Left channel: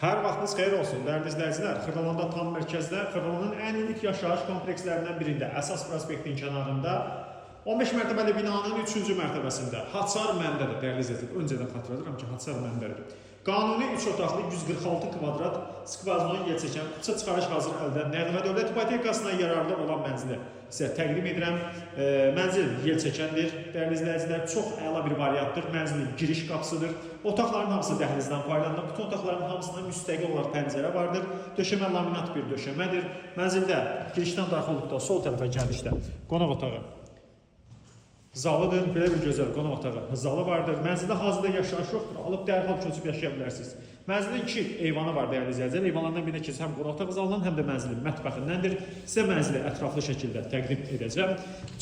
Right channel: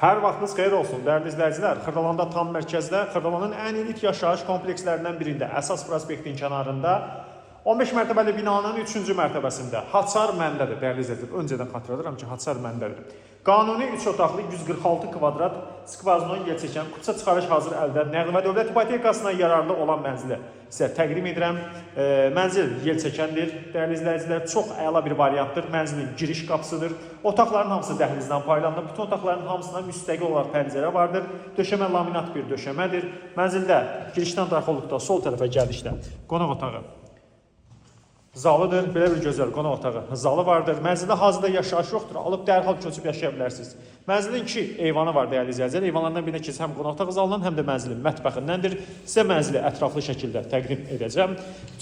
Hər vaxtınız xeyir olsun, dəyərli izləyicilər. Xırdalanda tam mərkəzdə, Xırdalanın ən elit yaşayış komplekslərindən birində, əsas prospektin kənarında 15 mərtəbəli binanın 3-cü mərtəbəsində Haçar məndədir, dəyərli izləyicilər. Öncədən xatırladıram ki, Haçar məndədir. Qanuni 3 otaqlı 146 kvadrat skvaznon yer çəkən Qudsa çıxarış hazır əldə nəğmə dövlət ipotekasına yararlı olan mənzili sizə təqdim edirəm. Mənzil yer çəkəndir, dəyərli izləyicilər, çox əla bir variantdır. Mənzilin giriş qapısıdır. Otaqların hamısı dəhlizdən paylanır. Bütün otaqların hamısına müstəqil olaraq pəncərə vardır. Döşəmə laminat bir döşəmədir. Mənzildə girişdən daxil olduqda sol tərəfə gəldikdə qonaq otağı zalıdır. Belə bir gözəl qonaq otağı zalı vardır. Mənzildə hazırda yaşayış yoxdur. Alıb dərhal köçüb yaşaya bilərsiniz. Mənzilin 2 eyvanı var, dəyərli izləyicilər. Eyvanlardan birinə keçir həm qonaq otağı zalından, həm də mənzilin mətbəxindəndir. Sizə mənzili ətraflı şəkildə təqdim edəcəm.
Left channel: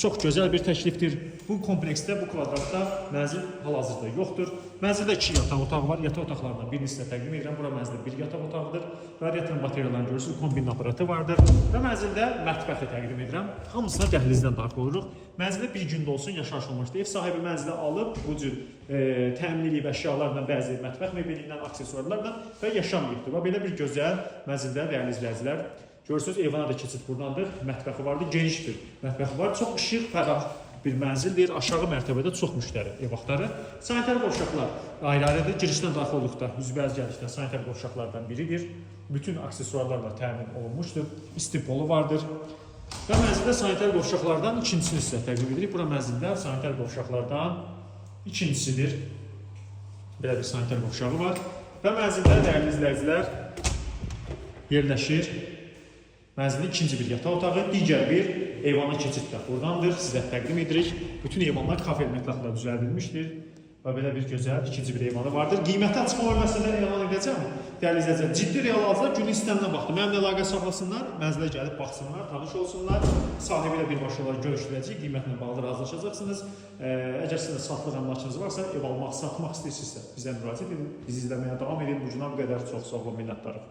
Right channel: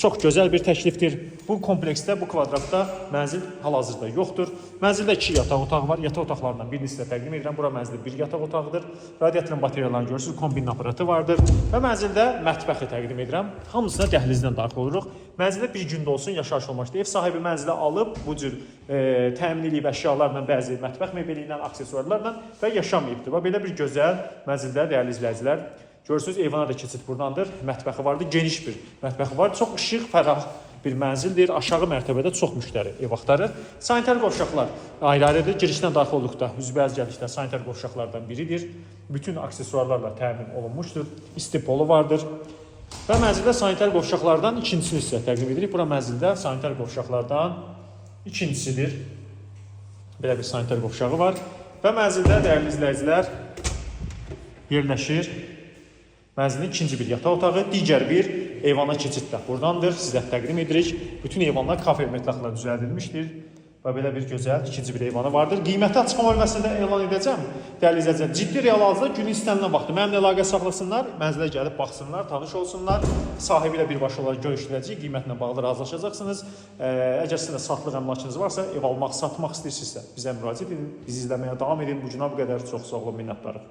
Çox gözəl bir təklifdir. Bu kompleksdə, bu kvadratda mənzil hal-hazırda yoxdur. Mənzildə 2 yataq otağı var. Yataq otaqlarından birini sizə təqdim edirəm. Bura mənzilin bir yataq otağıdır. Radiatorun bateriyalarını görürsünüz, kombin aparatı vardır. Və mənzildə mətbəxi təqdim edirəm. Hamısına dəhlizdən daxil oluruq. Mənzildə bir gündə olsun yaşayış olmaqdır. Ev sahibi mənzilə alıb bu cür təmin edib əşyalarla, bəzi mətbəx mebelindən, aksesuarlarla və yaşamayıbdır. Və belə bir gözəl mənzildə, dəyərli izləyicilər, görürsünüz, eyvana da keçid buradandır. Mətbəxi vardır, geniş bir mətbəxi var. Çox işıq, fərah bir mənzildir. Aşağı mərtəbədə çox müştəri ev axtarır. Sanitar qovşaqlar ayrı-ayrıdır. Girişdən daxil olduqda üzbəyiz gəlişdə sanitar qovşaqlardan biridir. Bütün aksesuarlarla təmin olunmuşdur. İstipolu vardır. Və mənzildə sanitar qovşaqlardan ikincisini sizə təqdim edirik. Bura mənzildə sanitar qovşaqlardan ikincisidir. Belə bir sanitar qovşağı var. Və mənzildə, dəyərli izləyicilər, yerləşir mənzilin ikinci bir yataq otağı, digər bir eyvana keçid də buradandır. Sizə təqdim edirik. Bütün eyvanlar kafe mətlaqla düzəldilmişdir. Və belə bir gözəl ikinci bir eyvanı vardır. Qiyməti açıqlama bölməsində elan edəcəm. Dəyərli izləyicilər, ciddi real hazırda günün istəminə baxdı. Mənimlə əlaqə saxlasınlar, mənzilə gəlib baxsınlar, tanış olsunlar. Sahibi ilə birbaşa olaraq görüşüləcək, qiymətlə bağlı razılaşacaqsınız. Əgər sizin də saxlıq əmlakınız varsa, ev almaq, satmaq istəyirsinizsə bizə müraciət edin. Bizi izləməyə davam edin. Bu günə bu qədər çox sağ olun, minnətdarım.